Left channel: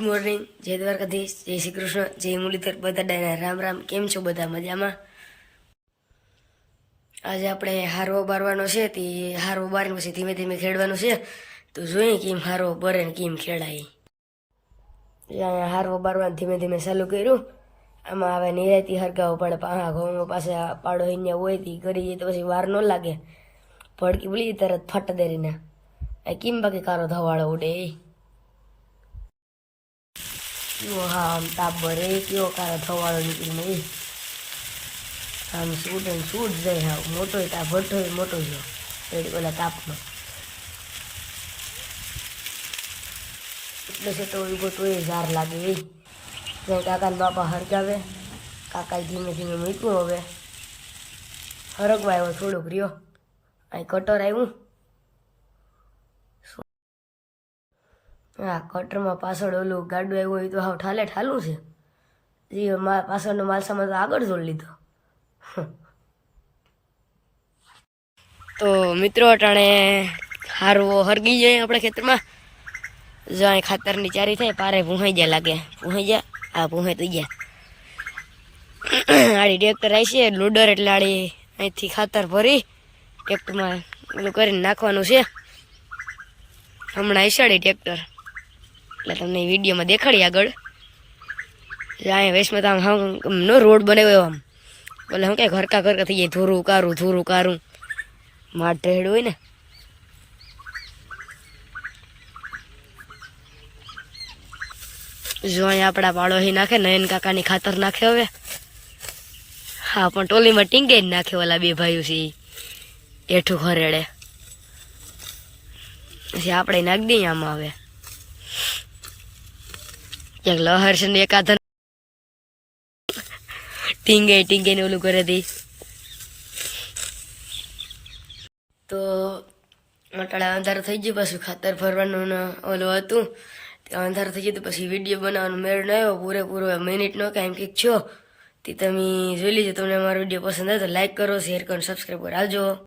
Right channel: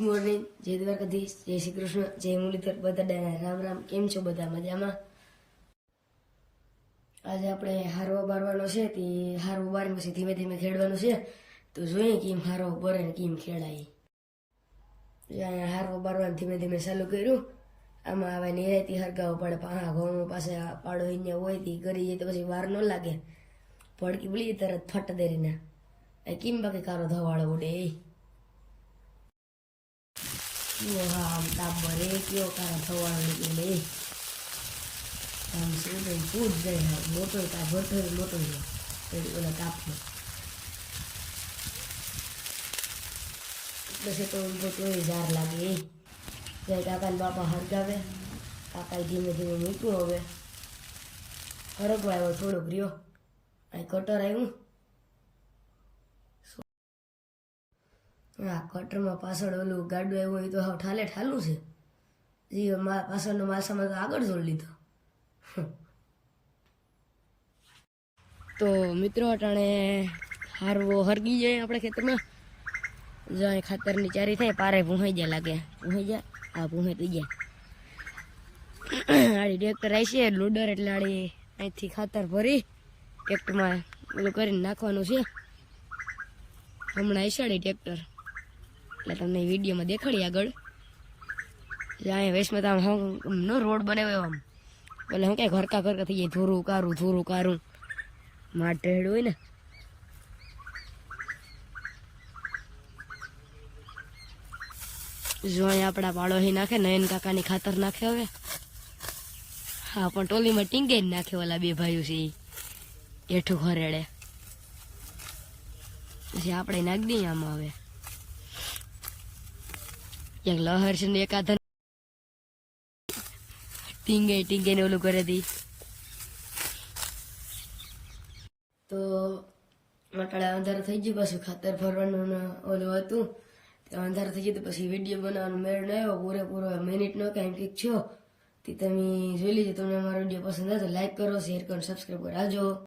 Morning, જય દ્વારકાધીશ, જય શ્રી કૃષ્ણ, જય મુરલીધર, બધા રામ રામ. કેમ છો બધા? મજામાં? આજે આપણે હારવો બારવાનો છે, તે હારવો બારીને પછી ધીમે ધીમે ખેડવાનું છે. તો જોઈએ કેમ હારવો બરે ને કેમ ખેડાય. હારવો બારવાનું ધીમે ધીમે ચાલુ કર્યું. આમાં હવે નિરાયતી હરગાવો પડે. ઘઉં પાસે પાડો અહીંયા હોય તે કરી જાય તો પછી વાર ન લાગે. ભડકી બોલી તરત ફટ દેરીને કેમ બાકી કારો ધવાળો ઉડે કયો હા આમ તાપ ભરે કયો કારો ધવાળો નીકળીને આમ સૂટ ને સૂટ જાય. હા મોટો તાપ ભઠ્ઠો મોટો ગયો રેડી ઓલા તાપનો એટલે છે તો ઉભો તો ઝાર લાગે કાકાને બાપા હરગાવે. કાકા ધીમે ધીમે મૂક્યું. હવે હરગવા આવ્યો થોડોક રહ્યો. અહીં કટર આવ્યું. હા કટરમાં પાછળ ઓલું ગાડું આવ્યું હોય તો હાવ ઠાલે ઠાલું છે. જી પાછળનો માલસામાં તો આગળ જોડી લીધો. તો મિત્રો અટાણે હારવો હરગી જાય આપણે ખેતરમાં. જો અહીં ખાતરની ચારી થાય પારે ભૂહાઈ જાય લાગે. ભૂહાઈ જાય આ ભૂહાઈ તો ગયા. આડી ટ્રેક્ટર આવી છે લોડર એટલે આડી અહીંથી ખાતર ભરી ટ્રેક્ટરમાં ઓલું કરીને નાખવાનું છે. હમણાં આઈશાડી ટ્રેક્ટર એટલે તમને વિડીયોમાં દેખાડી આગળ. અહીંયા વેસમાં તો આમ નો રોડ બનાવ્યો આમ બોલે હું ક્યાંય ઘરકા ઘરકા થઈ જાય. ધોરું કારું માટ ઢેડ હોય ને. જો અહીંયા આપણા પાડોશી નાખે નયન કાકાની ખાતર નાખે હવે. હા પણ ટોલીમાં ટીંગે જ નાખે ઓલા બે ભાઈઓ છે એઠું ખરેડે. પછી આપણે નાખી દઈએ આમાં. હવે ક્યાંક લહર છે ને એકાદ ટીંગે ને ઓલું કરે દી. તો મટાડા અંધારું થઈ ગયું. પાછું ખાતર ભરવાનું ઓલું હતું અંધારું થઈ ગયું. તો પછી વિડીયો બનાવવાનો મેળ ન આવ્યો પૂરેપૂરો મિનિટનો કાંઈ કંઈક છો તે તમે જોઈ લીજો. તમને અમારો વિડીયો પસંદ આવે તો લાઈક કરો, શેર કરો, સબસ્ક્રાઈબ કરો. આવજો.